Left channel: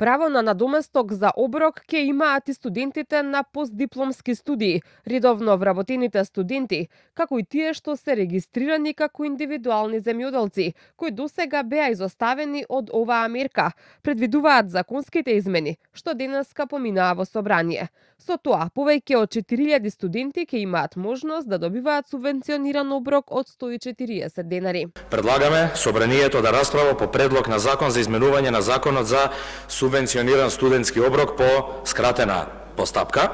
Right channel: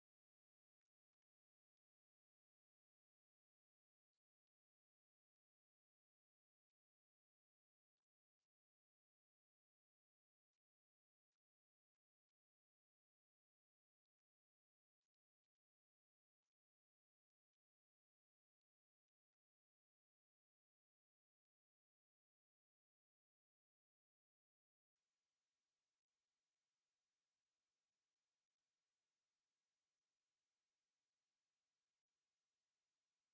Право на надоместок за оброк ќе имаат и студентите на постдипломски студии, редовно вработените студенти, како и тие што се регистрирани како индивидуални земјоделци, кои досега беа изоставени од оваа мерка, предвидуваат законските измени, што денеска поминаа во собрание. Со тоа, повеќе од 4000 студенти ќе имаат можност да добиваат субвенциониран оброк од 140 денари. Предлагаме собранието да расправа по предлог на закон за изменување на законот за субвенциониран студентски оброк по скратена постапка.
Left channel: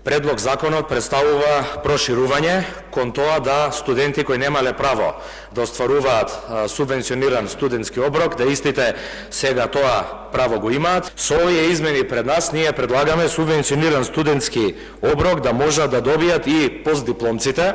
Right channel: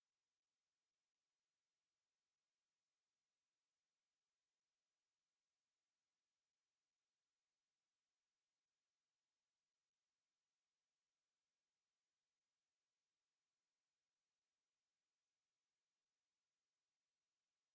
Предлог законот представува проширување кон тоа да студенти кои немале право да остваруваат субвенциониран студентски оброк, да истите сега тоа право го имаат. Со овие измени пред нас ние предлагаме субвенциониран студентски оброк да можат да добијат и постдипломците,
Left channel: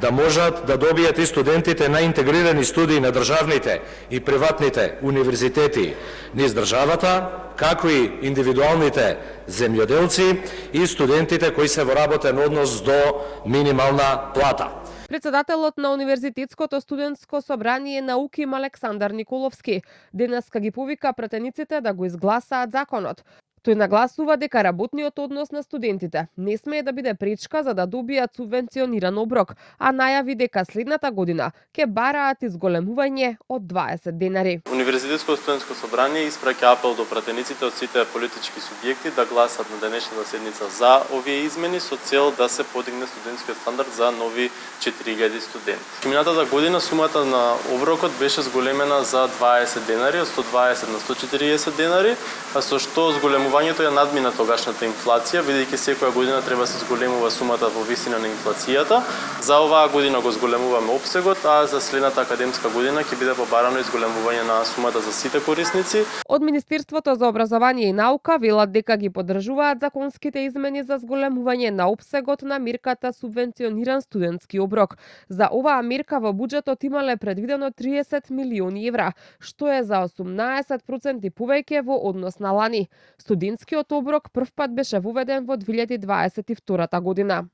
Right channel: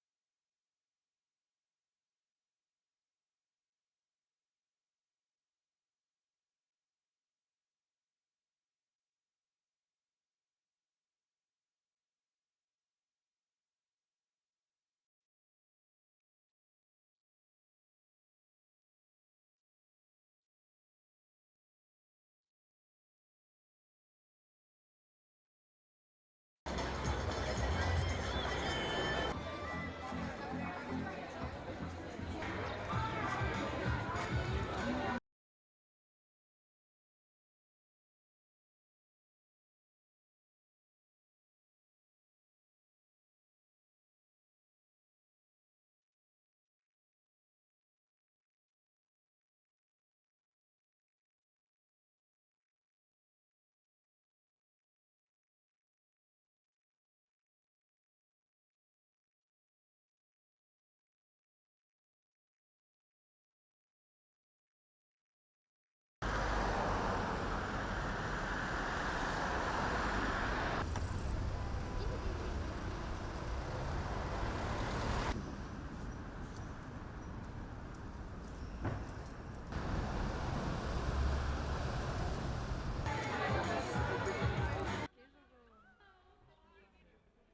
да можат да добијат и студентите на интегрирани студии на државните и приватните универзитети низ државата, како и индивидуалните земјоделци и студентите кои се во работен однос до минимална плата. Председателот на Универзитетското студентско собрание науки Александар Николовски денеска ги повика пратениците да го изгласаат законот. Тој нагласува дека работниот однос на студентите не смее да биде пречка за да добијат субвенциониран оброк, а најави дека следната година ќе бараат изголемување од 20 денари. Универзитетското студентско собрание испраќа апел до пратениците од сите политички субјекти да гласат на денешната седница за овие измени со цел да се подигне студентскиот стандард за нови 4000 студенти. Минатата година сумата на оброкот беше зголемена за 20 денари, од 120 на 140 денари, а со што зголемувањето ја надмина тогашната инфлација, бидејќи секоја година треба да се зголемува сумата во висина на инфлацијата. За оваа година го зголемуваме опсегот, а за следната академска година ќе биде побарано изголемување на сумата за сите корисници. Од Министерството за образование и наука велат дека ги поддржуваат законските измени за зголемување на опсегот на мерката субвенциониран студентски оброк. За оваа мерка во буџетот имале предвидено 30 милиони евра, што е за 18% повеќе во однос на лани. Студентскиот оброк првпат беше воведен во 2022 година.